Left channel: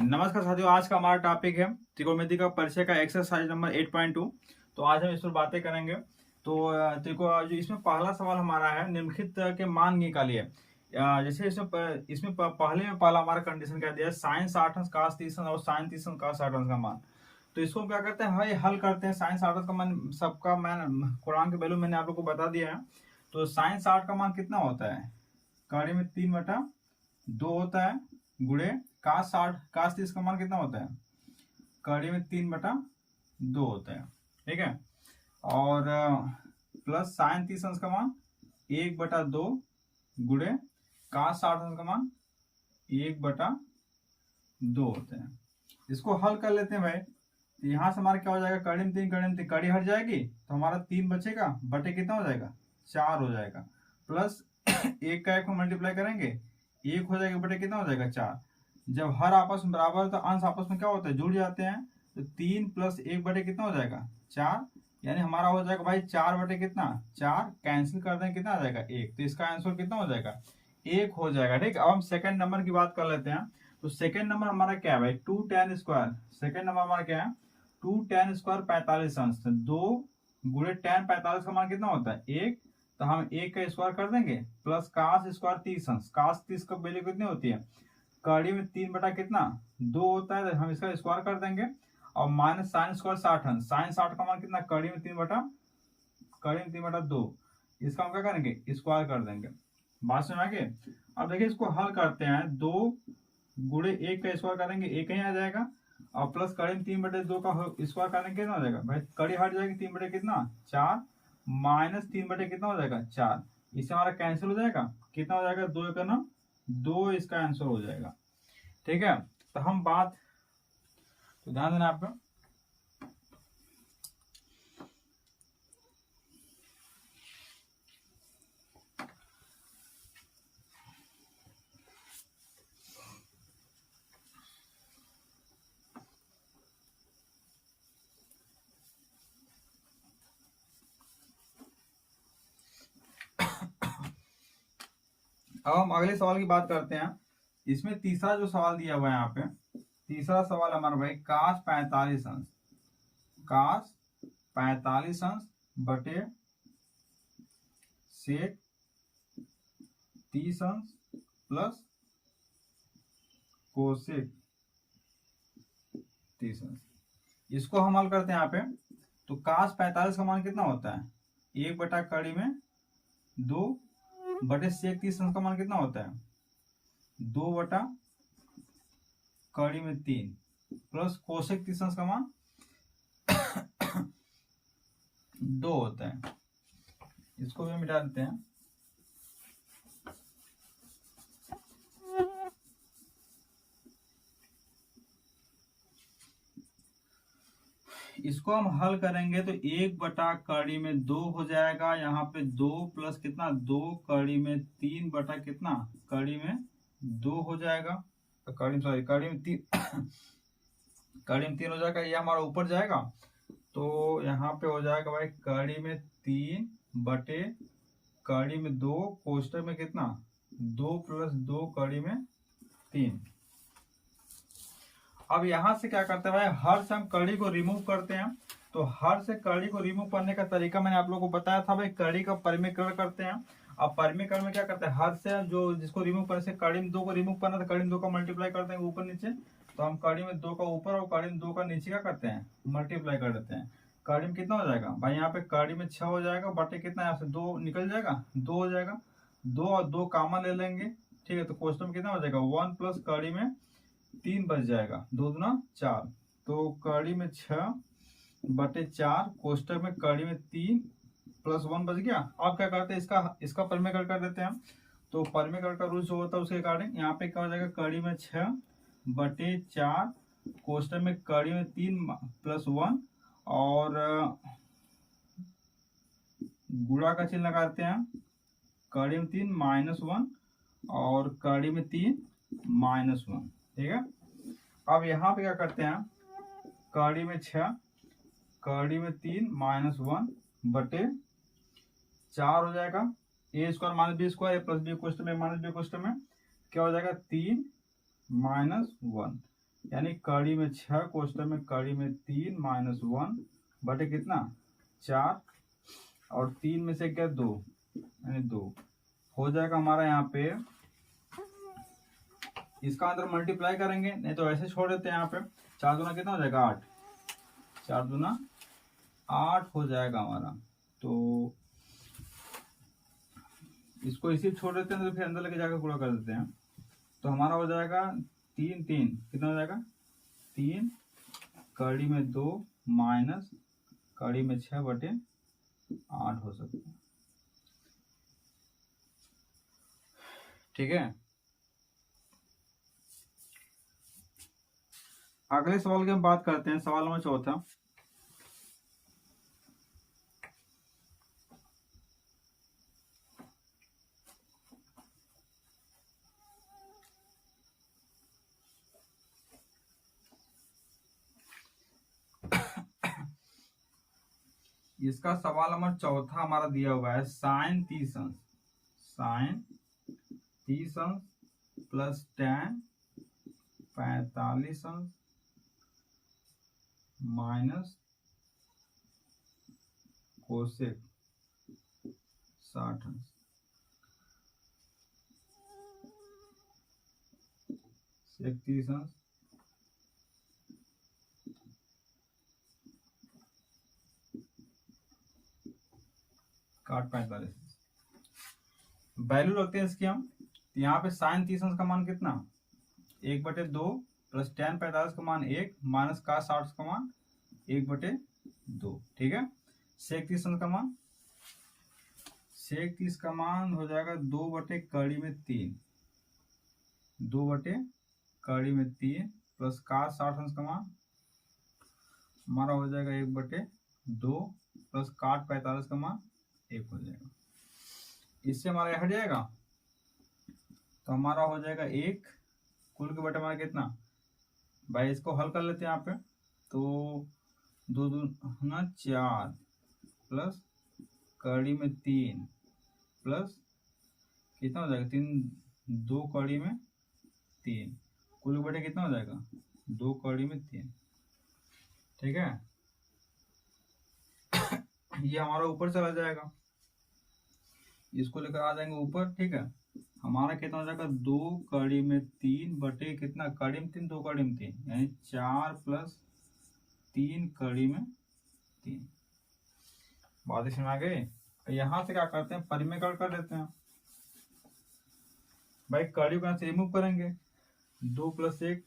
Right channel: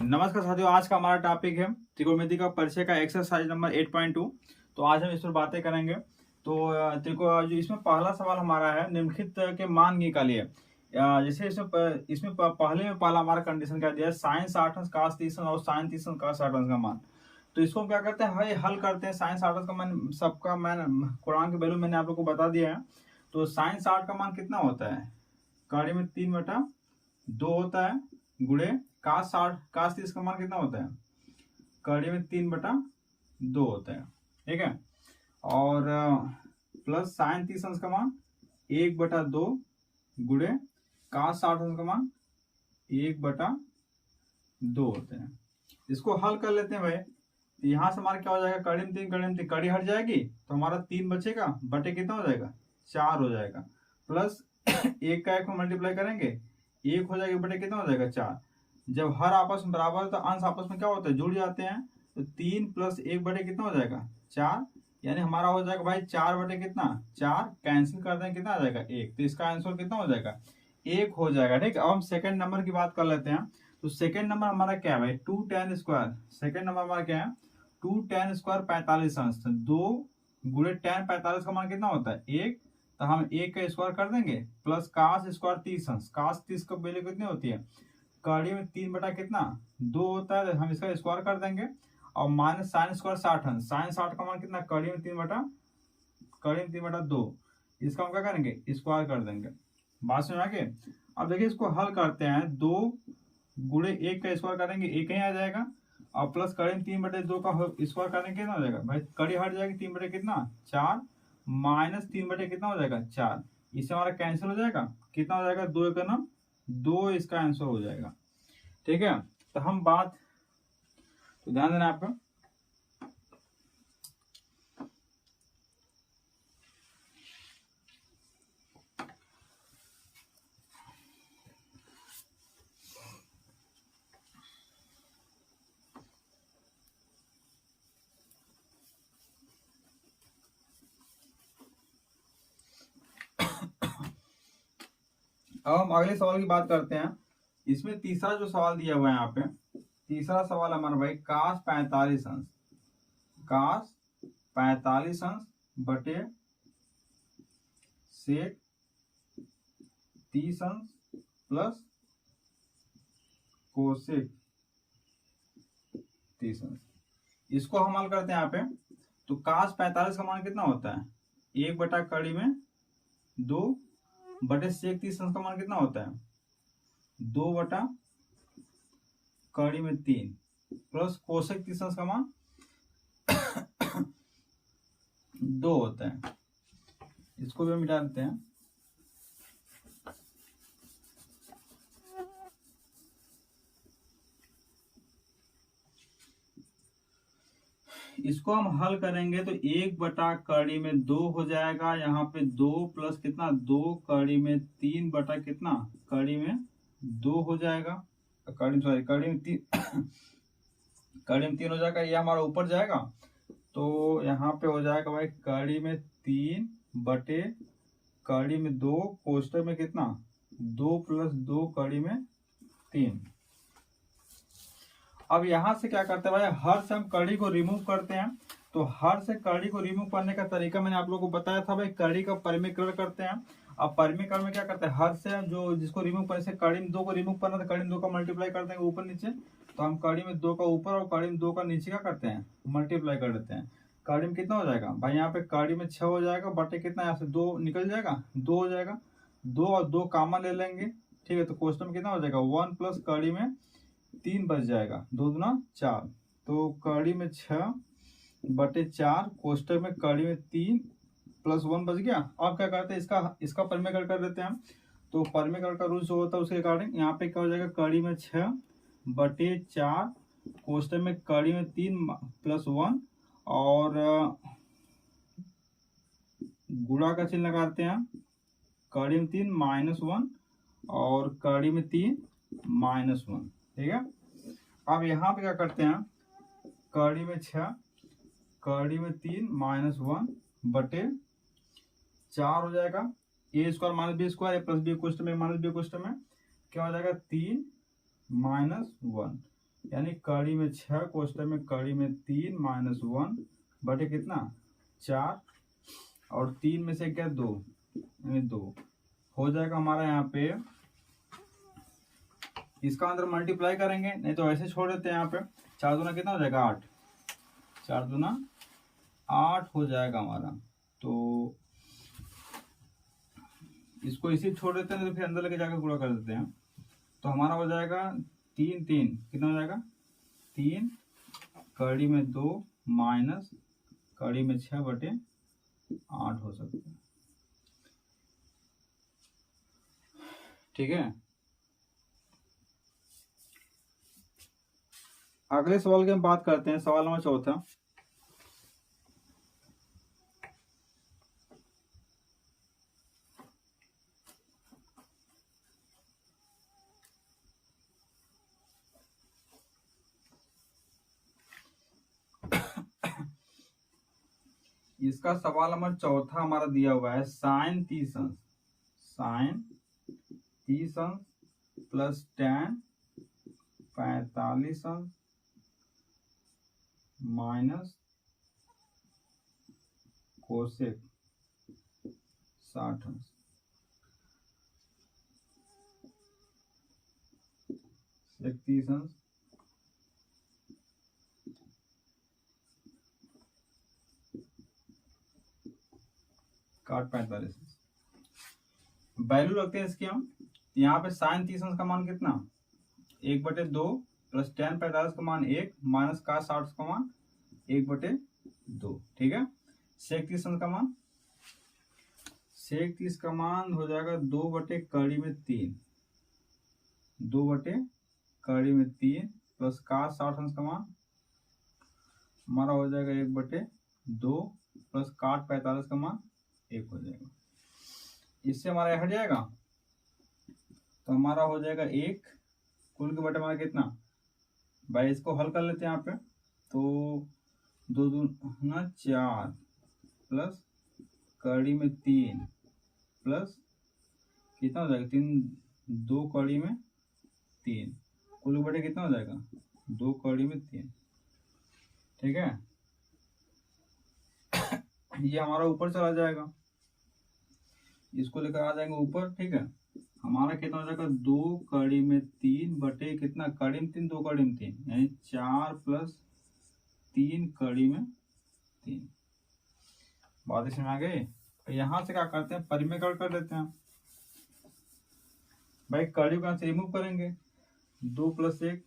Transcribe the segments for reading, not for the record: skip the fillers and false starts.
नमस्कार साथियों, आज का हमारा टॉपिक है त्रिकोणमिति का परिचय का एक्सरसाइज नंबर 8.2। तो आज हम इस पर बातें करेंगे। तो जो इसमें पहला सवाल हमारा है, निम्नलिखित के मान निकालिए। जैसे इसमें पहले में पहला हमारा कंडीशन क्या दिया है, साइन 60 अंश कास 30 अंश और साइन 30 अंश कास 60 अंश का मान। तो इसको हम क्या करते हैं, भाई हल करते हैं। साइन 60 का मान सबका मान कुरान के वैल्यू मैंने आप लोग को बता दिया है। तो साइन 60 का मान कितना होता है, कड़ी में 3/2 होता है, गुणे कास 30 का मान कितना होता है, कड़ी में 3/2 होता है। ठीक है। और प्लस साइन 30 अंश का मान 1/2 गुणे कास 60 अंश का मान 1/2 होता है। इसको हल कर लेते हैं भाई। यहां से हमारा क्या हो जाएगा, कड़ी में 3 कड़ी हट जाएगी तो हमारा 3 बचेगा, बटे कितना हो जाएगा, 4 हो जाएगा। प्लस एक का एक में मल्टीप्लाई करेंगे, 1 हो जाएगा, बटे कितना हो जाएगा, 4। जब हर आपस में बराबर है तो अंश आपस में क्या होता है, जुड़ जाते हैं। तो 3 + 1 बटे कितना हो जाएगा, 4। यानी हमारा हो जाएगा भाई 4 बटे कितना, 4। कैंसिल कर दें कितना आ जाएगा, 1। तो इसका आंसर कितना हो जाएगा, 1 हो जाएगा। ठीक है। अब हम सेकंड नंबर की बात कर लेते हैं। तो सेकंड नंबर हमारा क्या है भाई, 2 tan स्क्वायर। सेकंड नंबर हमारा क्या है, 2 tan स्क्वायर 45 अंश। 2 गुणे tan 45 का मान कितना होता है, 1। तो हम 1 का स्क्वायर कर देंगे, प्लस कास स्क्वायर 30 अंश। कास 30 का वैल्यू कितनी होती है, कड़ी में 3 बटा कितना, 2 होता है। तो हम इसका स्क्वायर कर देंगे। और माइनस साइन स्क्वायर 60 अंश। साइन 60 का मान कितना, कड़ी में 3/2। इसका हम क्या करेंगे, स्क्वायर कर देंगे। बात समझ आ गई। अब देखिए इसको हल करते हैं। 2 गुणे 1 का स्क्वायर करेंगे, 1 ही आ जाएगा। और प्लस कड़ी में 3/2 का स्क्वायर करेंगे, कितना हो जाएगा भाई, कड़ी हट जाएगी, 3 बटे कितना, 4। माइनस 3 बटे कितना हो जाएगा, 4। इससे हमारा कैंसिल हो जाएगा, कितना हो जाएगा, 2 का नाम 2, इसका आंसर हो जाएगा। ठीक है। तो हम बात, तो ध्यान देना आपको। अब हम अगले सवाल की बात करते हैं। इसमें तीसरा जो सवाल दिया हुआ है यहाँ पे, तीसरा सवाल हमारा भाई कास 45 अंश, कास 45 अंश बटे सेक 30 अंश प्लस कोसेक 30 अंश। इसको हम हल करते हैं यहाँ पे। तो कास 45 का मान कितना होता है, 1 बटा कड़ी में 2 बटे सेक 30 अंश का मान कितना होता है, 2 बटा कड़ी में 3 प्लस कोसेक 30 अंश का मान 2 होता है। इसको भी मिटा देते हैं। इसको हम हल करेंगे तो 1 बटा कड़ी में 2 हो जाएगा। यहाँ पे 2 प्लस कितना, 2 कड़ी में 3 बटा कितना, कड़ी में 2 हो जाएगा। कड़ी सॉरी कड़ी में 3 कड़ी में 3 हो जाएगा, ये हमारा ऊपर जाएगा। तो यहाँ पे हो जाएगा भाई कड़ी में 3 बटे कड़ी में 2, कोष्टक में कितना, 2 + 2 कड़ी में 3। अब यहां से क्या करते हैं भाई, हर से हम कड़ी को रिमूव करते हैं। तो हर से कड़ी को रिमूव करने का तरीका मैंने आप लोगों को बताया था भाई, कड़ी का परिमीकरण करते हैं। अब परिमीकरण में क्या करते हैं, हर से जो जिसको रिमूव करने से, कड़ी में 2 को रिमूव करना, तो कड़ी में 2 का मल्टीप्लाई कर देंगे ऊपर नीचे। तो हम कड़ी में 2 का ऊपर और कड़ी में 2 का नीचे क्या करते हैं, मल्टीप्लाई कर देते हैं। कड़ी में कितना हो जाएगा भाई, यहाँ पे कड़ी में 6 हो जाएगा, बटे कितना, यहाँ से 2 निकल जाएगा, 2 हो जाएगा। 2 और 2 कॉमन ले लेंगे। ठीक है। तो क्वेश्चन में कितना हो जाएगा, 1 प्लस कड़ी में 3 बच जाएगा, 2 दूना 4। तो कड़ी में 6 बटे 4, कोष्टक में कड़ी में 3 प्लस 1 बच गया। अब क्या करते हैं, इसका परिमेयकरण कर देते हैं हम। तो परिमेयकरण का रूल जो होता है उसके अकॉर्डिंग यहाँ पे क्या हो जाएगा, कड़ी में 6 बटे 4, कोष्टक में कड़ी में 3 प्लस 1, और गुणा का चिन्ह लगाते हैं, कड़ी में 3 -1 और कड़ी में 3 -1। ठीक है। अब यहाँ पे क्या करते हैं, कड़ी में 6 कड़ी में 3 -1 बटे 4 हो जाएगा। a square minus B square, A plus B कोष्टक में माइनस बी कोष्टक में क्या हो जाएगा, 3 -1। यानी कड़ी में 6 कोष्टक में कड़ी में 3 माइनस 1 बटे कितना 4 और 3 में से क्या 2 यानी 2 हो जाएगा हमारा यहाँ पे। इसका अंदर मल्टीप्लाई करेंगे, नहीं तो ऐसे छोड़ देते हैं। यहाँ पे 4 दूना कितना हो जाएगा 8, 4 दूना 8 हो जाएगा हमारा। तो इसको इसी छोड़ देते हैं, तो फिर अंदर लेके जाकर गुणा कर देते हैं। तो हमारा हो जाएगा 3 3 कितना हो जाएगा 3 कड़ी में 2 माइनस कड़ी में 6 बटे 8 हो सकता है। ठीक है, अगले सवाल की हम बात करते हैं। सवाल नंबर 4। इसका सवाल नंबर 4 हमारा दिया हुआ है sine 30 plus tan 45 minus cosec 60 sec 30 काट 45। वैल्यू रखते हैं इसकी हम। यहाँ पे साइन 30 का मान कितना 1/2 प्लस tan 45 का मान 1 माइनस का 60 का मान 1/2। ठीक है, सेक 30 का मान हो जाएगा 2/3 प्लस का 60 का मान हमारा हो जाएगा 1/2 प्लस काट 45 का मान 1 हो जाएगा। इससे हमारा हट जाएगा, तो हमारा हो जाएगा 1 कुल के बटे हमारा कितना भाई। इसको हल कर लेते हैं यहाँ पे। तो 2 दूना 4 प्लस कड़ी में 3 प्लस कितना हो जाएगा 3 2 कड़ी में 3 कुल के बटे कितना हो जाएगा 2 कड़ी में 3। ठीक है, ये हमारा ऊपर चला जाएगा, इसको लेकर आ जाएंगे ऊपर। ठीक है, हमारा कितना हो जाएगा 2 कड़ी में 3 बटे कितना कड़ी में 3 2 कड़ी में 3 यानी 4 प्लस 3 कड़ी में 3। बात इसमें आ गई। यहाँ से क्या करते हैं परिमेय कर देते हैं भाई। कड़ी को यहाँ से रिमूव करेंगे 2 + 1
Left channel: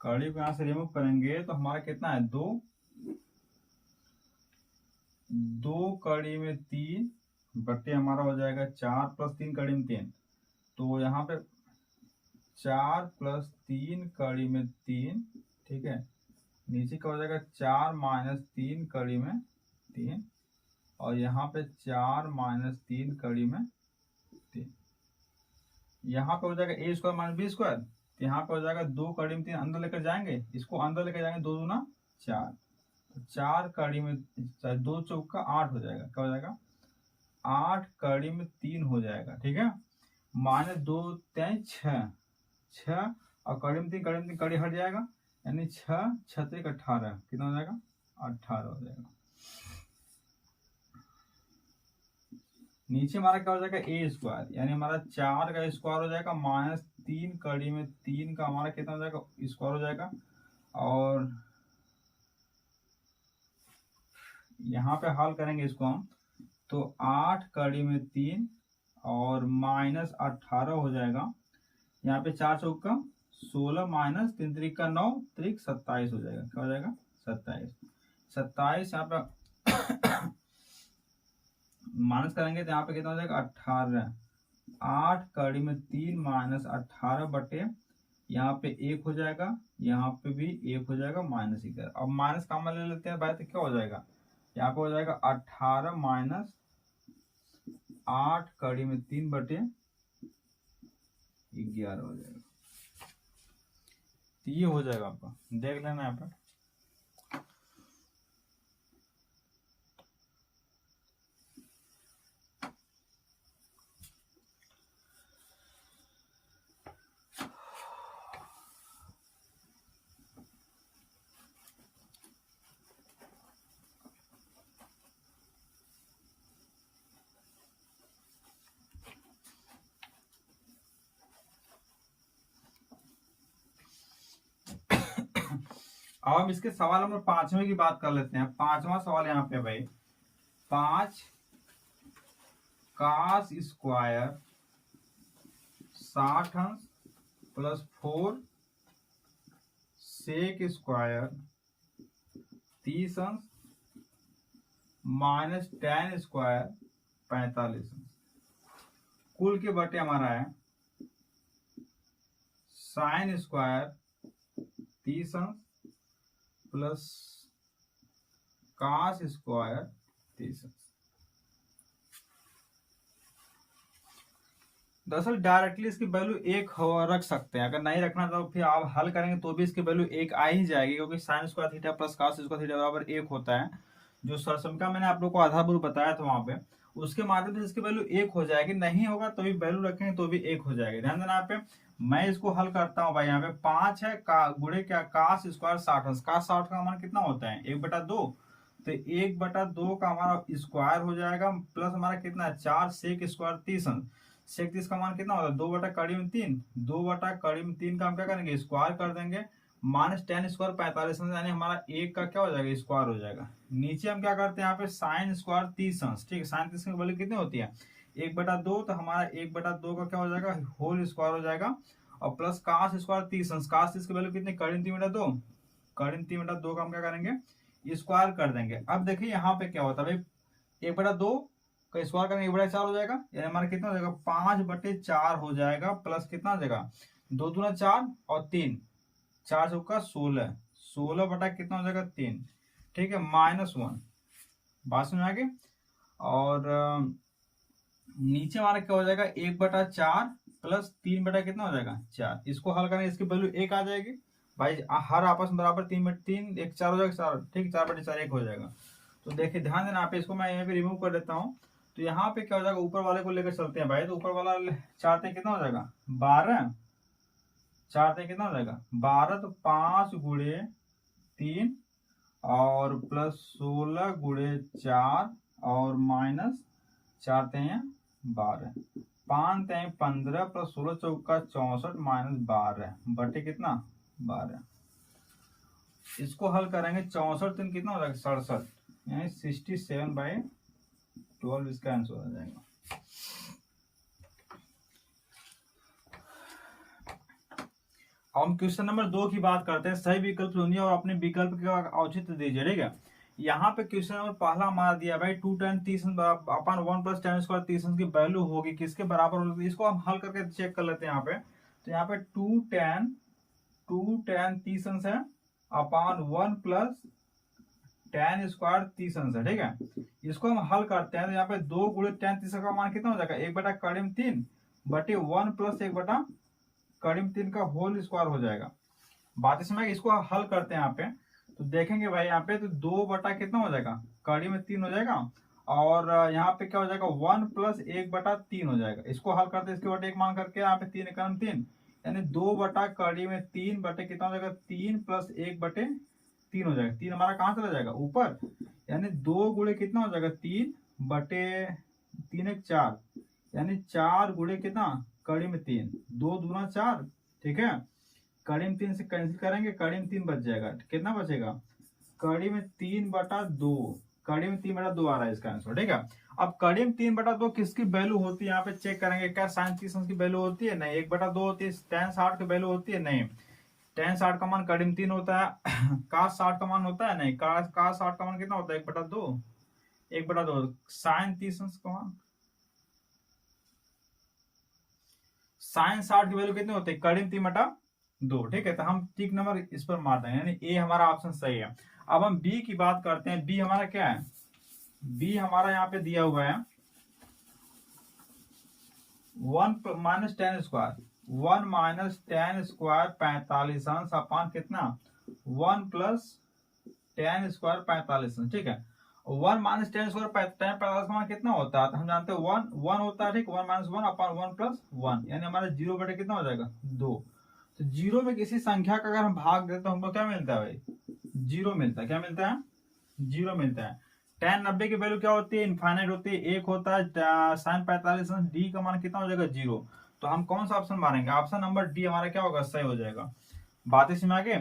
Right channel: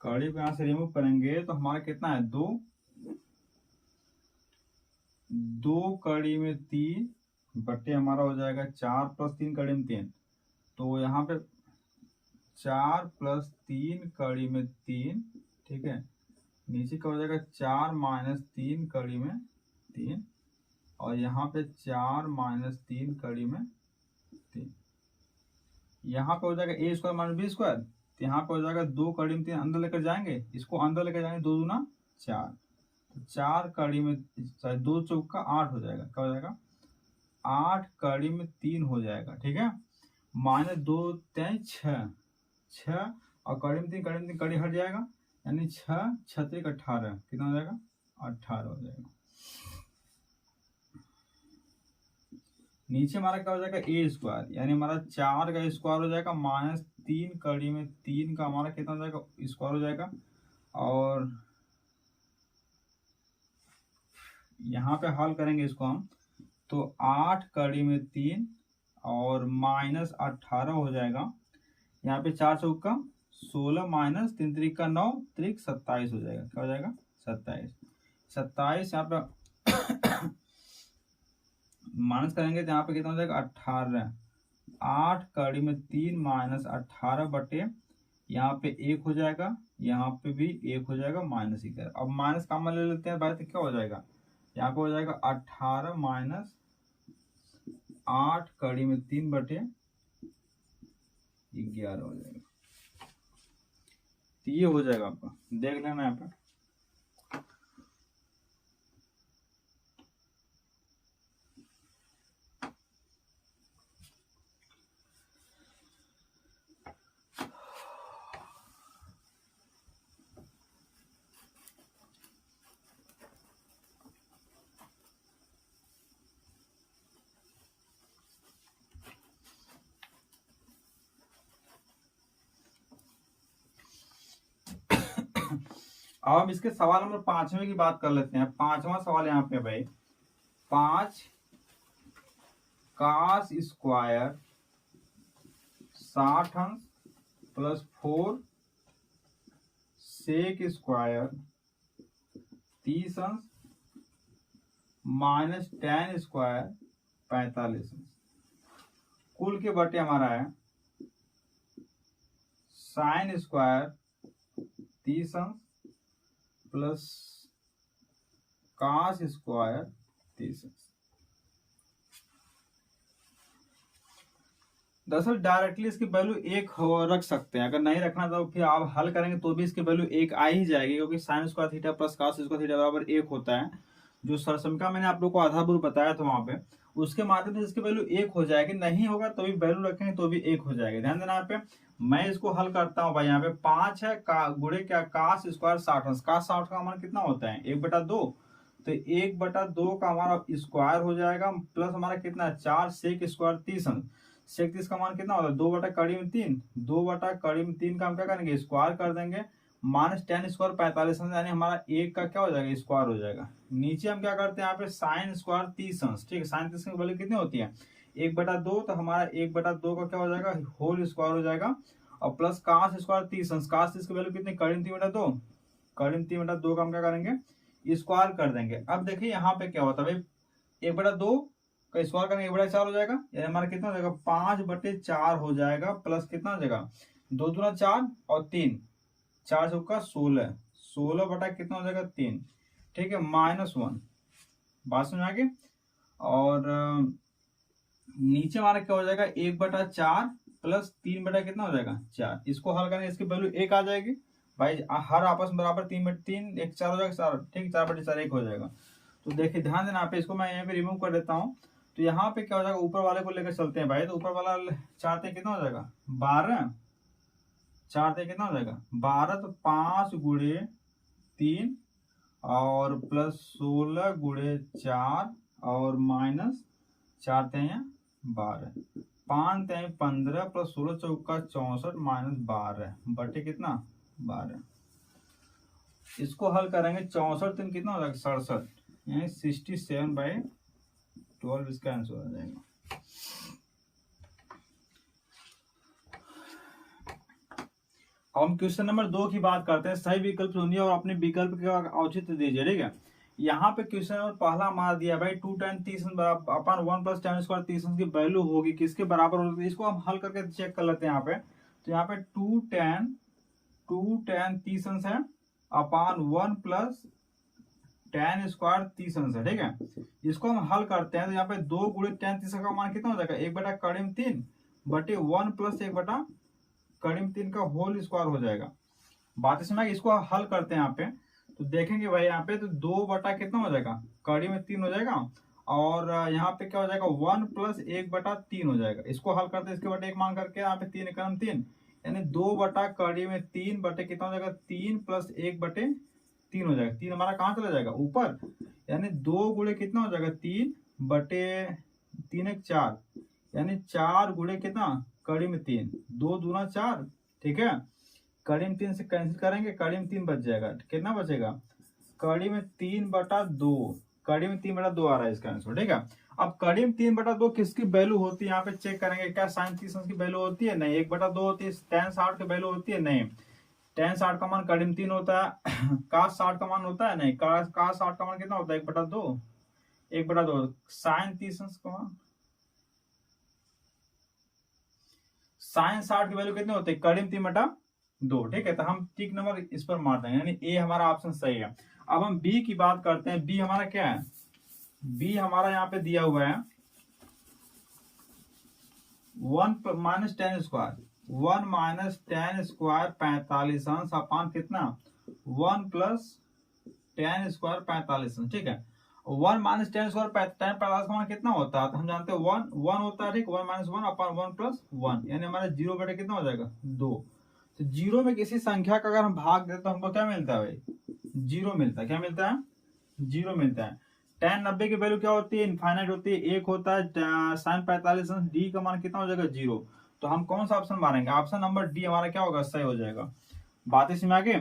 कड़ी को यहाँ से रिमूव करेंगे तो हमारा कितना है 2 कड़ी में 3 बटे हमारा हो जाएगा 4 + 3 कड़ी में 3। तो यहाँ पे 4 + 3 कड़ी में 3। ठीक है, नीचे का हो जाएगा 4 - 3 कड़ी में 3 और यहाँ पे 4 - 3 कड़ी में 3। यहाँ पे हो जाएगा a² - b²। तो यहाँ पे हो जाएगा 2 कड़ी में 3 अंदर लेकर जाएंगे, इसको अंदर लेकर जाएंगे 2 दूना 4। तो 4 कड़ी में 2 चौका 8 हो जाएगा। क्या हो जाएगा 8 कड़ी में 3 हो जाएगा। ठीक है, -2 3 6 और कड़ी में 3 कड़ी हट जाएगा यानी 6 6 × 18 कितना हो जाएगा 18 हो जाएगा। नीचे हमारा क्या हो जाएगा a² यानी हमारा 4 का स्क्वायर हो जाएगा -3 कड़ी में 3 का हमारा कितना हो जाएगा स्क्वायर हो जाएगा। और यहाँ पे हल करेंगे इसको हम तो 8 कड़ी में 3 और -18 हो जाएगा। यहाँ पे 4 चौका 16 - 3 3 का 9 3 27 हो जाएगा। क्या हो जाएगा 27 यहाँ पे माइनस करेंगे तो यहाँ पे कितना हो जाएगा 18। 8 कड़ी में 3 - 18 बटे यहाँ पे 1 हो जाएगा, यहाँ पे भी 1 हो जाएगा -11। अब माइनस कॉमन ले लेते हैं भाई, तो क्या हो जाएगा यहाँ पे हो जाएगा 18 - 8 कड़ी में 3 बटे 11 हो जाएगा। तो ये हो जाएगा आपका, देख लेना यहाँ पे। अब हम इसके सवाल नंबर 5वें की बात कर लेते हैं। 5वां सवाल यहाँ पे भाई, 5 cos स्क्वायर 60 अंश प्लस 4 sec स्क्वायर 30 अंश माइनस tan स्क्वायर 45 अंश, कुल के बटे हमारा है sin स्क्वायर 30 अंश प्लस cos स्क्वायर 30 अंश। दरअसल डायरेक्टली इसकी वैल्यू 1 रख सकते हैं, अगर नहीं रखना तो फिर आप हल करेंगे तो भी इसकी वैल्यू 1 आ ही जाएगी, क्योंकि sine square theta plus cos square theta बराबर 1 होता है। जो सरसमका मैंने आप लोग को आधारभूत बताया था वहां पे, उसके माध्यम से इसकी वैल्यू 1 हो जाएगी। नहीं होगा तो भी वैल्यू रखेंगे तो भी 1 हो जाएगी। ध्यान देना यहाँ पे, मैं इसको हल करता हूँ भाई। यहाँ पे 5 है गुणे क्या cos स्क्वायर 60 अंश, cos 60 का मान कितना होता है 1/2, तो 1/2 का हमारा स्क्वायर हो जाएगा, प्लस हमारा कितना है 4 sec स्क्वायर 30 अंश। sec 30 का मान कितना होता है 2/3, 2/3 का हम क्या करेंगे स्क्वायर कर देंगे, माइनस tan स्क्वायर 45 अंश, यानी हमारा 1 का क्या हो जाएगा स्क्वायर हो जाएगा। नीचे हम क्या करते हैं यहाँ पे sin स्क्वायर 30 अंश, ठीक है, sin 30 की वैल्यू कितनी होती है 1/2, तो हमारा 1/2 का क्या हो जाएगा होल स्क्वायर हो जाएगा, और प्लस cos स्क्वायर 30 अंश, cos 30 की वैल्यू कितनी करीब 3/2, करीब 3/2 का हम क्या करेंगे स्क्वायर कर देंगे। अब देखिए यहाँ पे क्या होता है भाई, 1/2 का स्क्वायर करेंगे 1/4 हो जाएगा, यानी हमारा कितना हो जाएगा 5/4 हो जाएगा, प्लस कितना हो जाएगा 2 दूना 4 और 3, 4 चौका 16, 16 बटा कितना हो जाएगा 3, ठीक है, -1, बात समझ आ गई। और नीचे हमारा क्या हो जाएगा 1/4 प्लस 3 बटा कितना हो जाएगा 4, इसको हल करेंगे इसकी वैल्यू 1 आ जाएगी भाई, हर आपस में बराबर 3/3 1 4 हो जाएगा 4, ठीक, 4/4 1 हो जाएगा। तो देखिए ध्यान देना, यहाँ पे इसको मैं यहाँ पे रिमूव कर देता हूँ, तो यहाँ पे क्या हो जाएगा ऊपर वाले को लेकर चलते हैं भाई, तो ऊपर वाला 4 ते कितना हो जाएगा 12, 4 ते कितना हो जाएगा 12, तो 5 गुणे 3 और प्लस 16 गुणे 4 और माइनस 4 ते 12, 5 ते 15 प्लस 16 चौका 64 माइनस 12 बटे कितना 12। इसको हल करेंगे 64 3 कितना हो जाएगा 67, यानी 67/12 इसका आंसर आ जाएगा। हम क्वेश्चन नंबर 2 की बात करते हैं। सही विकल्प चुनिए और अपने विकल्प का औचित्य दीजिए, ठीक है। यहाँ पे क्वेश्चन नंबर पहला हमारा दिया भाई 2 tan 30 अपन 1 प्लस tan स्क्वायर 30 की वैल्यू होगी किसके बराबर होगी, इसको हम हल करके चेक कर लेते हैं यहाँ पे। तो यहाँ पे 2 tan 30 है अपन 1 प्लस tan स्क्वायर 30 है, ठीक है। इसको हम हल करते हैं तो यहाँ पे 2 गुणे tan 30 का मान कितना हो जाएगा 1/3 बटे 1 प्लस 1/3 का होल स्क्वायर हो जाएगा। बात इसमें इसको हल करते हैं यहाँ पे, तो देखेंगे भाई यहाँ पे तो 2 बटा कितना हो जाएगा 3 हो जाएगा, और यहाँ पे क्या हो जाएगा 1 प्लस 1/3 हो जाएगा। इसको हल करते हैं इसके बटे 1 मान करके, यहाँ पे 3 × 3 यानी 2/3 बटे कितना हो जाएगा 3 प्लस 1/3 हो जाएगा। 3 हमारा कहाँ चला जाएगा ऊपर, यानी 2 गुणे कितना हो जाएगा 3 बटे 3 1 4, यानी 4 गुणे कितना 3, 2 दूना 4, ठीक है, 3 से कैंसिल करेंगे 3 बच जाएगा, कितना बचेगा 3/2, 3/2 आ रहा है इसका आंसर, ठीक है। अब 3/2 किसकी वैल्यू होती है यहाँ पे चेक करेंगे, क्या sin 30 की वैल्यू होती है नहीं, 1/2 होती है, tan 60 की वैल्यू होती है नहीं, tan 60 का मान 3 होता है, cos 60 का मान होता है नहीं, cos 60 का मान कितना होता है 1/2, 1/2 sin 30 का मान, sin 60 की वैल्यू कितनी होती है 3/2, ठीक है। तो हम टिक नंबर इस पर मार देंगे, यानी ए हमारा ऑप्शन सही है। अब हम बी की बात करते हैं। बी हमारा क्या है, बी हमारा यहाँ पे दिया हुआ है 1 माइनस tan स्क्वायर 45 अंश अपान कितना 1 प्लस tan स्क्वायर 45 अंश, ठीक है। 1 माइनस tan स्क्वायर tan 45 का मान कितना होता है, तो हम जानते हैं 1 होता है, ठीक, 1 माइनस 1 अपान 1 प्लस 1, यानी हमारा 0 बटे कितना हो जाएगा 2। तो 0 में किसी संख्या का अगर हम भाग दें तो हमको क्या मिलता है भाई 0 मिलता है, क्या मिलता है 0 मिलता है। tan 90 की वैल्यू क्या होती है इनफाइनाइट होती है, 1 होता है, sin 45 डी का मान कितना हो जाएगा 0। तो हम कौन सा ऑप्शन मारेंगे, ऑप्शन नंबर डी हमारा क्या होगा सही हो जाएगा। बात इसमें आगे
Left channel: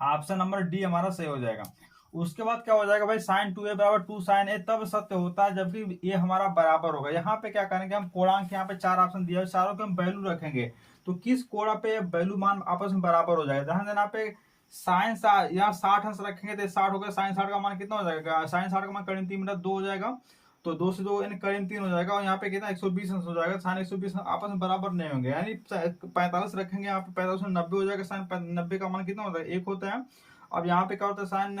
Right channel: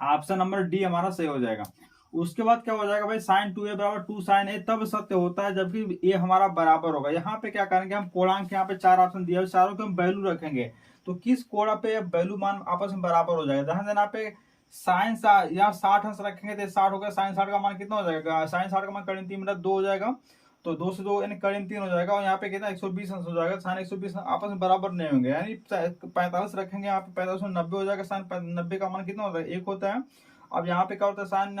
ऑप्शन नंबर डी हमारा सही हो जाएगा। उसके बाद क्या हो जाएगा भाई, साइन 2a बराबर 2 साइन ए तब सत्य होता है जबकि ए हमारा बराबर होगा। यहाँ पे क्या करेंगे हम, पूर्णांक यहाँ पे 4 ऑप्शन दिए, चारों के हम वैल्यू रखेंगे, तो किस कोण पे वैल्यू मान आपस में बराबर हो जाएगा। ध्यान देना पे साइन यहाँ 60 अंश रखेंगे तो 60 हो गया, साइन 60 का मान कितना हो जाएगा, साइन 60 का मान करीब 3 मतलब 2 हो जाएगा, तो 2 से 2 यानी करीब 3 हो जाएगा, और यहाँ पे कितना 120 अंश हो जाएगा। साइन 120 आपस में बराबर नहीं होंगे, यानी 45 रखेंगे, यहाँ पे 45 में 90 हो जाएगा। साइन 90 का मान कितना होता है, 1 होता है। अब यहाँ पे क्या होता है, साइन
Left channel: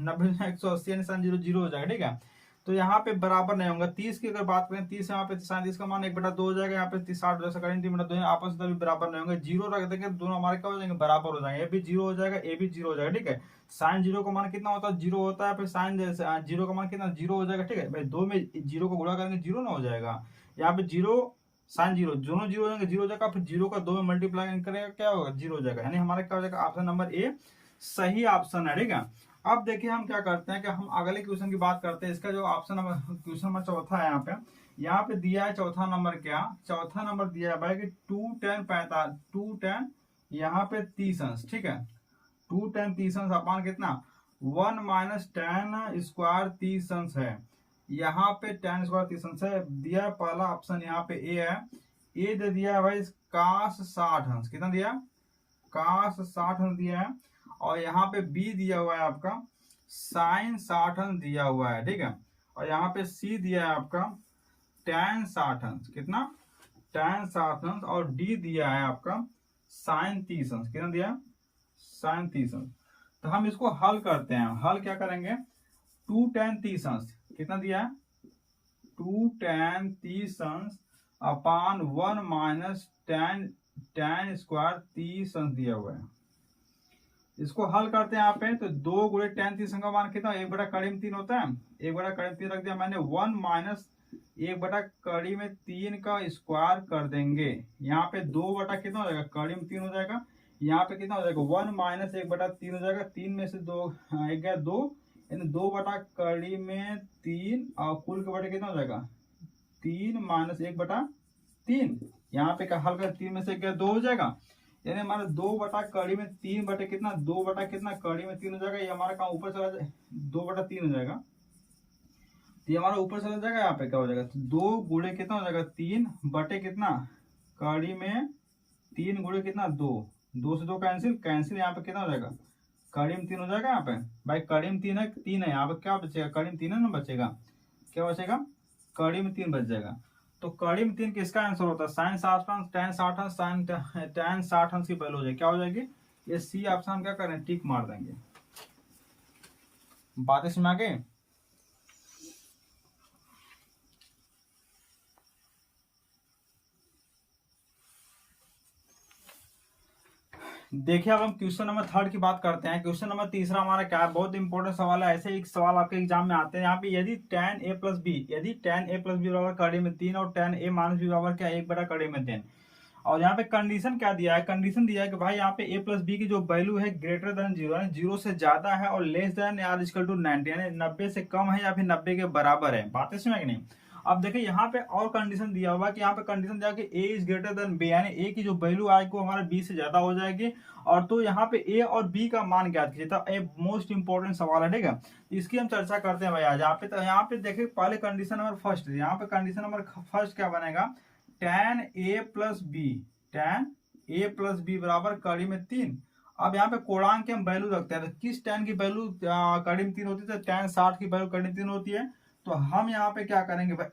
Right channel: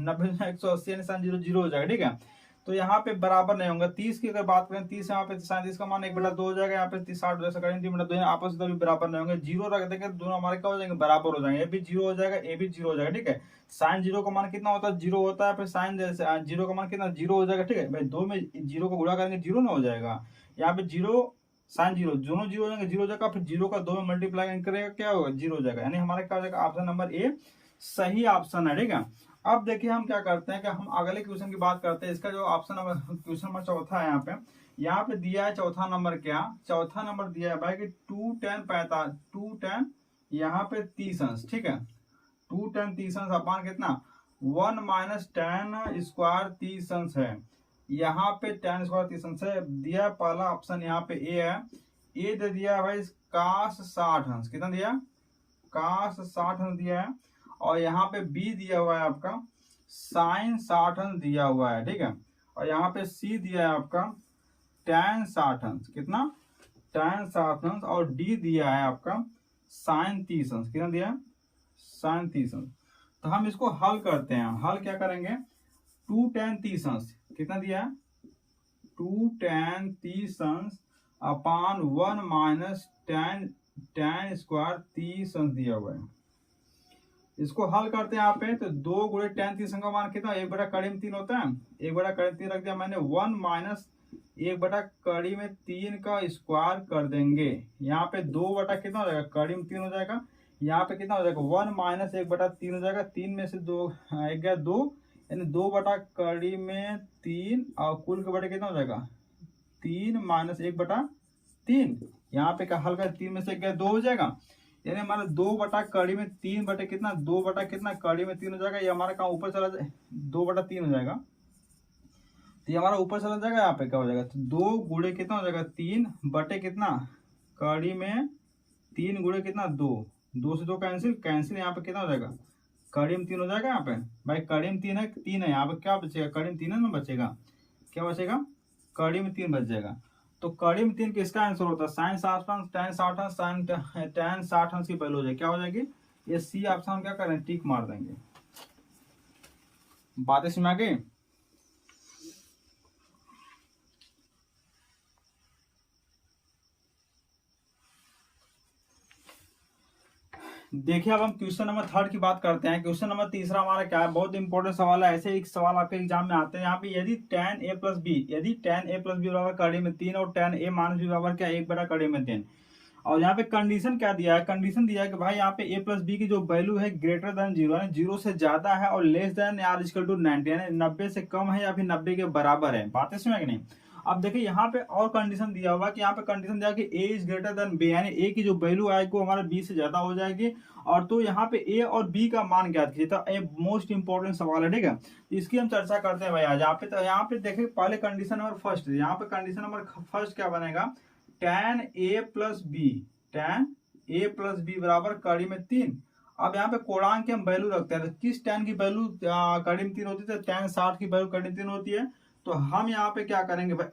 90 180 यानी साइन 0 0 हो जाएगा, ठीक है। तो यहाँ पे बराबर नहीं होगा। 30 की अगर बात करें, 30 यहाँ पे साइन 30 का मान 1/2 हो जाएगा, यहाँ पे 60 जैसा करेंगे 3/2 आपस में भी बराबर नहीं होंगे। 0 रख देंगे, दोनों हमारे क्या हो जाएंगे, बराबर हो जाएंगे। ये भी 0 हो जाएगा, ये भी 0 हो जाएगा, ठीक है। साइन 0 का मान कितना होता है, 0 होता है, फिर साइन 0 का मान कितना 0 हो जाएगा, ठीक है भाई। 2 में 0 को गुणा करेंगे 0 ना हो जाएगा, यहाँ पे 0 साइन 0 दोनों 0 हो जाएंगे, 0 हो जाएगा, फिर 0 का 2 में मल्टीप्लाई करेगा क्या होगा, 0 हो जाएगा, यानी हमारा क्या हो जाएगा, ऑप्शन नंबर ए सही ऑप्शन है, ठीक है। अब देखिए हम क्या करते हैं कि हम अगले क्वेश्चन की बात करते हैं। इसका जो ऑप्शन नंबर क्वेश्चन नंबर चौथा है, यहाँ पे दिया है चौथा नंबर, क्या चौथा नंबर दिया है भाई कि 2 tan 45 2 tan यहाँ पे 30 अंश, ठीक है। 2 tan 30 अंश अपान कितना 1 माइनस tan स्क्वायर 30 अंश है। यहाँ पे tan स्क्वायर 30 अंश है दिया, पहला ऑप्शन यहाँ पे ए है। ए दे दिया है भाई cos 60 अंश, कितना दिया, cos 60 अंश दिया है। और यहाँ पे बी दिया हुआ है आपका साइन 60 अंश दिया हुआ है, ठीक है। और यहाँ पे सी दिया है आपका tan 60 अंश, कितना tan 60 अंश, और डी दिया है आपका साइन 30 अंश, कितना दिया, साइन 30 अंश। तो हम इसको हल करते हैं। हल क्या करेंगे, 2 tan 30 अंश कितना दिया है, 2 tan 30 अंश अपान 1 माइनस tan स्क्वायर 30 अंश दिया हुआ है। इसको हल करते हैं यहाँ पे, तो 2 गुणे tan 30 का मान कितना, 1/3 होता है, 1/3 रख दिया मैंने, 1 माइनस 1/3 का स्क्वायर कर देंगे। यहाँ पे 2 बटा कितना हो जाएगा, 3 हो जाएगा। यहाँ पे कितना हो जाएगा, 1 माइनस 1/3 हो जाएगा, 3 में से 2 गया 2, यानी 2/3 और कुल के बटे कितना हो जाएगा 3 माइनस 1/3। यहाँ पे क्या हल कर, 3 में से गया 2 हो जाएगा, यानी हमारा 2/3 बटे कितना, 2 बटा कितना 3 हो जाएगा। ये हमारा काम ऊपर चला जाए, 2/3 हो जाएगा, तो ये हमारा ऊपर चला जाएगा। यहाँ पे क्या हो जाएगा, तो 2 गुणे कितना हो जाएगा 3 बटे कितना 3 गुणे कितना 2, 2 से 2 कैंसिल, यहाँ पे कितना हो जाएगा 3 हो जाएगा। यहाँ पे भाई 3 है, यहाँ पे क्या बचेगा 3 है ना, बचेगा क्या बचेगा 3 बच जाएगा। तो 3 किसका आंसर होता है, साइन 60 अंश tan 60 अंश tan 60 अंश की वैल्यू हो जाएगी, क्या हो जाएगी, ये सी ऑप्शन हम क्या करें, टिक मार देंगे। बातें समझ आ गई। देखिए अब हम क्वेश्चन नंबर 3 की बात करते हैं। क्वेश्चन नंबर 3 हमारा क्या है, बहुत इंपॉर्टेंट सवाल है। ऐसे एक सवाल आपके एग्जाम में आते हैं। यहाँ पे यदि tan a प्लस बी, यदि tan a प्लस बी बराबर कड़ी में 3 और tan a माइनस बी बराबर क्या 1/3, और यहाँ पे कंडीशन क्या दिया है, कंडीशन दिया है कि भाई यहाँ पे a प्लस बी की जो वैल्यू है ग्रेटर देन 0 है, 0 से ज्यादा है, और less than or equal to 90 यानी 90 से कम है या फिर 90 के बराबर है। बातें सुना कि नहीं। अब देखिए यहाँ पे और कंडीशन दिया हुआ कि यहाँ पे कंडीशन दिया कि a is greater than b, यानी a की जो वैल्यू आएगी वो हमारा b से ज्यादा हो जाएगी। और तो यहाँ पे a और b का मान ज्ञात कीजिए। तो ये मोस्ट इंपोर्टेंट सवाल है, ठीक है। इसकी हम चर्चा करते हैं भाई आज। यहाँ पे तो यहाँ पे देखिए पहले कंडीशन नंबर फर्स्ट, यहाँ पे कंडीशन नंबर फर्स्ट क्या बनेगा, tan a प्लस बी बराबर कड़ी में 3। अब यहाँ पे कोणांक की हम वैल्यू रखते हैं, तो किस tan की वैल्यू कड़ी में 3 होती है, तो tan 60 की वैल्यू कड़ी में 3 होती है। तो हम यहाँ पे क्या करेंगे भाई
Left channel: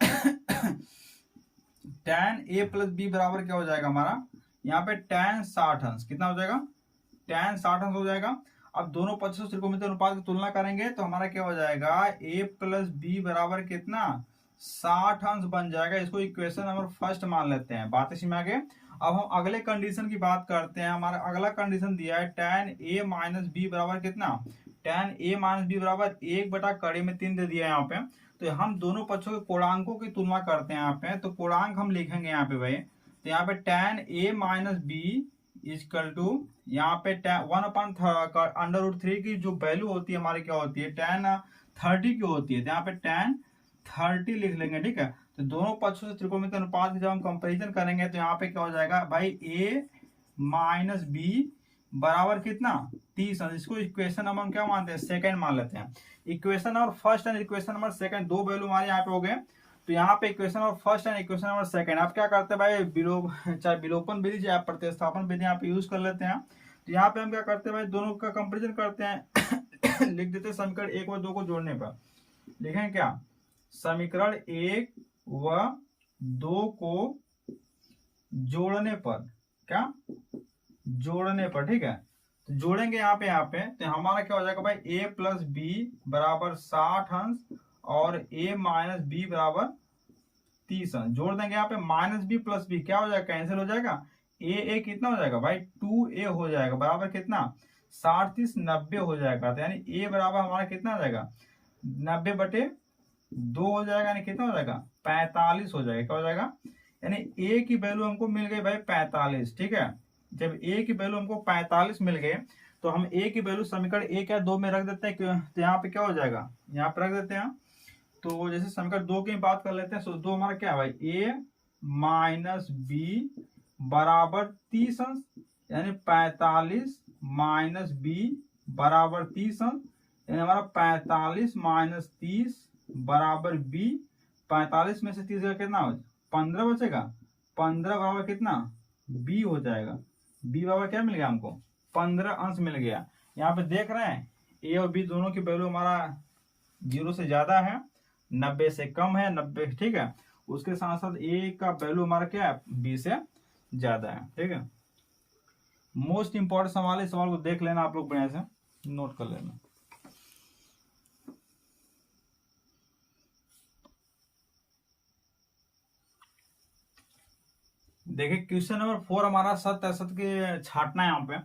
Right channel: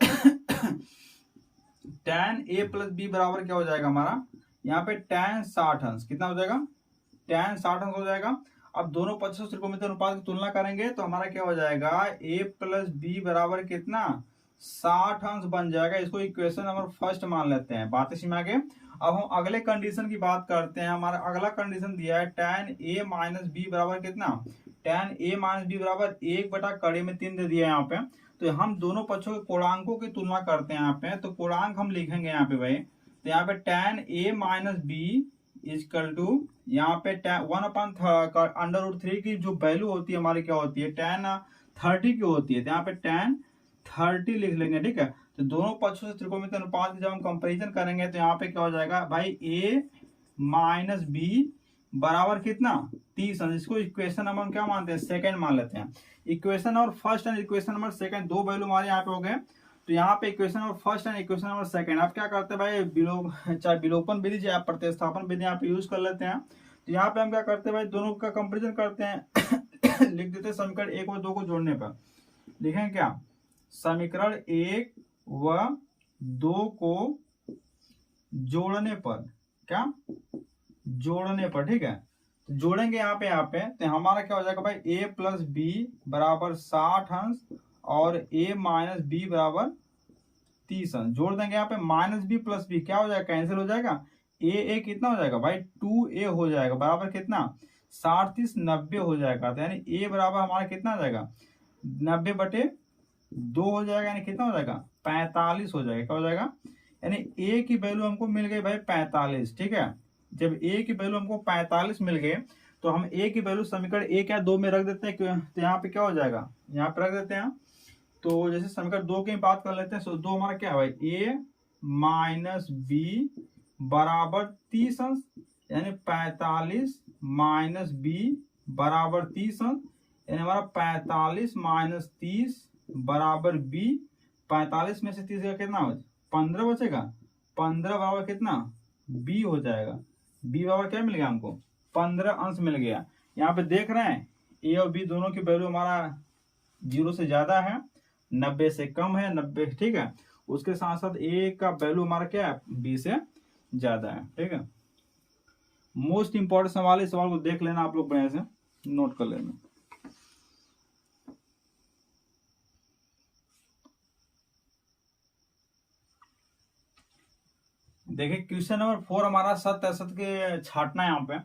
tan a प्लस बी बराबर क्या हो जाएगा हमारा, यहाँ पे tan 60 अंश कितना हो जाएगा, tan 60 अंश हो जाएगा। अब दोनों पक्षों से त्रिकोणमितीय अनुपात की तुलना करेंगे तो हमारा क्या हो जाएगा, a प्लस बी बराबर कितना 60 अंश बन जाएगा। इसको इक्वेशन नंबर फर्स्ट मान लेते हैं। बातें समझ में आ गए। अब हम अगले कंडीशन की बात करते हैं। हमारा अगला कंडीशन दिया है tan a माइनस बी बराबर कितना, tan a माइनस बी बराबर 1/3 दे दिया है यहाँ पे। तो हम दोनों पक्षों के कोणांकों की तुलना करते हैं यहाँ पे। तो कोणांक हम लिखेंगे यहाँ पे भाई, तो यहाँ पे tan a minus B is equal to यहाँ पे 1/√3 की जो वैल्यू होती है हमारी क्या होती है, tan 30 की होती है। तो यहाँ पे tan 30 लिख लेंगे, ठीक है। तो दोनों पक्षों से त्रिकोणमितीय अनुपात की जब हम कंपैरिजन करेंगे तो यहाँ पे क्या हो जाएगा भाई, a माइनस बी बराबर कितना 30 अंश। इसको इक्वेशन नंबर क्या मानते हैं, सेकंड मान लेते हैं। Equation number first and equation number second दो वैल्यू हमारे यहाँ पे हो गए। तो यहाँ पे equation number first and equation number second आप क्या करते हैं भाई, चाहे विलोपन विधि चाहे प्रतिस्थापन विधि यहाँ पे यूज कर लेते हैं। तो यहाँ पे हम क्या करते हैं भाई, दोनों का कंपेरिजन करते हैं लिख देते हैं समीकरण 1 और 2 को जोड़ने पर। लिखें क्या, समीकरण 1 व 2 को जोड़ने पर, क्या जोड़ने पर, ठीक है। तो जोड़ेंगे यहाँ पे तो हमारा क्या हो जाएगा भाई, a प्लस बी बराबर 60 अंश और a माइनस बी बराबर 30 अंश। जोड़ देंगे यहाँ पे माइनस बी प्लस बी क्या हो जाएगा, कैंसिल हो जाएगा। a कितना हो जाएगा भाई 2a हो जाएगा, बराबर कितना 60 30 90 हो जाएगा। तो यानी a बराबर हमारा कितना हो जाएगा 90/2 हो जाएगा, यानी कितना हो जाएगा 45 हो जाएगा। क्या हो जाएगा, यानी a की वैल्यू हमको मिल गई भाई 45, ठीक है। जब a की वैल्यू हमको 45 मिल गए तो हम a की वैल्यू समीकरण 1 या 2 में रख देते हैं। तो यहाँ पे क्या हो जाएगा, यहाँ पे रख देते हैं। तो जैसे समीकरण 2 की बात कर लेते हैं, तो 2 हमारा क्या है भाई, a माइनस बी बराबर 30 अंश, यानी 45 माइनस बी बराबर 30 अंश, यानी हमारा 45 माइनस 30 बराबर बी। 45 में से 30 का कितना हो 15 बचेगा, 15 बराबर कितना बी हो जाएगा। बी बराबर क्या मिल गया हमको 15 अंश मिल गया। यहाँ पे देख रहे हैं ए और बी दोनों की वैल्यू हमारा 0 से ज्यादा है, 90 से कम है, 90, ठीक है। उसके साथ साथ ए का वैल्यू हमारा क्या है बी से ज्यादा है, ठीक है। मोस्ट इंपॉर्टेंट सवाल, इस सवाल को देख लेना आप लोग, बढ़िया से नोट कर लेना। देखिए क्वेश्चन नंबर 4 हमारा सत्य असत्य के छाटना है। यहाँ पे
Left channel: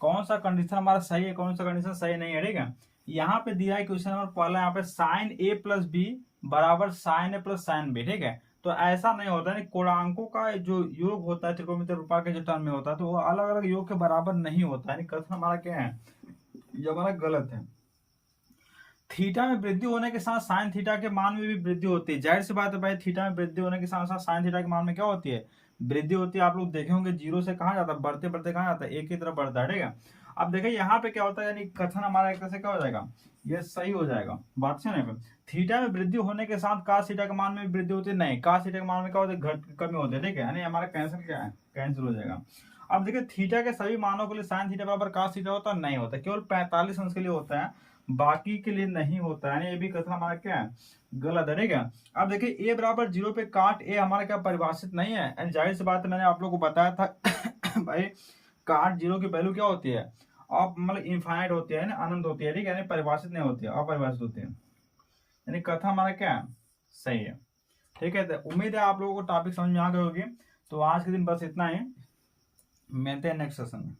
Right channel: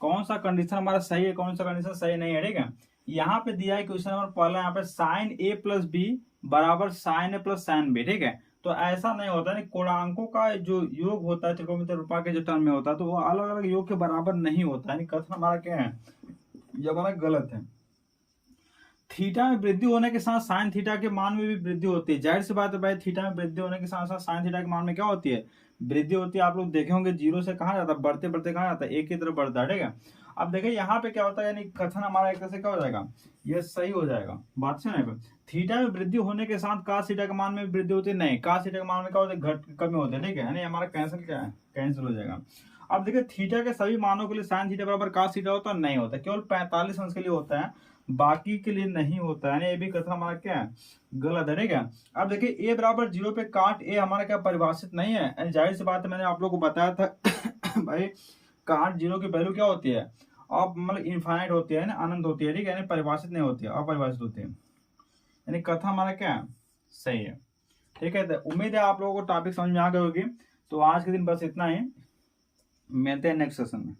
कौन सा कंडीशन हमारा सही है, कौन सा कंडीशन सही नहीं है, ठीक है। यहाँ पे दिया है क्वेश्चन नंबर पहला, यहाँ पे साइन a प्लस बी बराबर साइन ए प्लस साइन बी, ठीक है। तो ऐसा नहीं होता है, कोणांकों का जो योग होता है त्रिकोणमितीय रूपा के जो टर्म में होता है, तो वो अलग अलग योग के बराबर नहीं होता है। कथन हमारा क्या है, ये हमारा गलत है। थीटा में वृद्धि होने के साथ साइन थीटा के मान में भी वृद्धि होती है। जाहिर सी बात है भाई, थीटा में वृद्धि होने के साथ साथ साइन थीटा के मान में क्या होती है, वृद्धि होती है। आप लोग देखे होंगे 0 से कहाँ जाता है, बढ़ते बढ़ते कहाँ जाता है, एक की तरफ बढ़ता है, ठीक है। अब देखिए यहाँ पे क्या होता है, यानी कथन हमारा एक तरह से क्या हो जाएगा, ये सही हो जाएगा। बात से नहीं, थीटा में वृद्धि होने के साथ कास थीटा के मान में वृद्धि होती है, नहीं, कास थीटा के मान में क्या होता है, घट कमी होती है, ठीक है। यानी हमारा कैंसिल क्या है, कैंसिल हो जाएगा। अब देखिए थीटा के सभी मानों के लिए साइन थीटा बराबर कास थीटा होता नहीं होता, केवल 45 अंश के लिए होता है, बाकी के लिए नहीं होता है। ये भी कथन हमारा क्या है, गलत है, ठीक है। अब देखिए a बराबर 0 पे काट a हमारा क्या परिभाषित नहीं है। जाहिर सी बात है, मैंने आप लोग को बताया था भाई काट 0 की वैल्यू क्या होती है, अब मतलब इनफाइनाइट होती है ना, अनंत होती है, ठीक है। यानी परिभाषित नहीं होती है, अपरिभाषित होती है। यानी कथन हमारा क्या है, सही है, ठीक है। तो उम्मीद है आप लोगों को टॉपिक समझ में आ गई होगी। तो आज के दिन बस इतना ही, मिलते हैं नेक्स्ट सेशन में।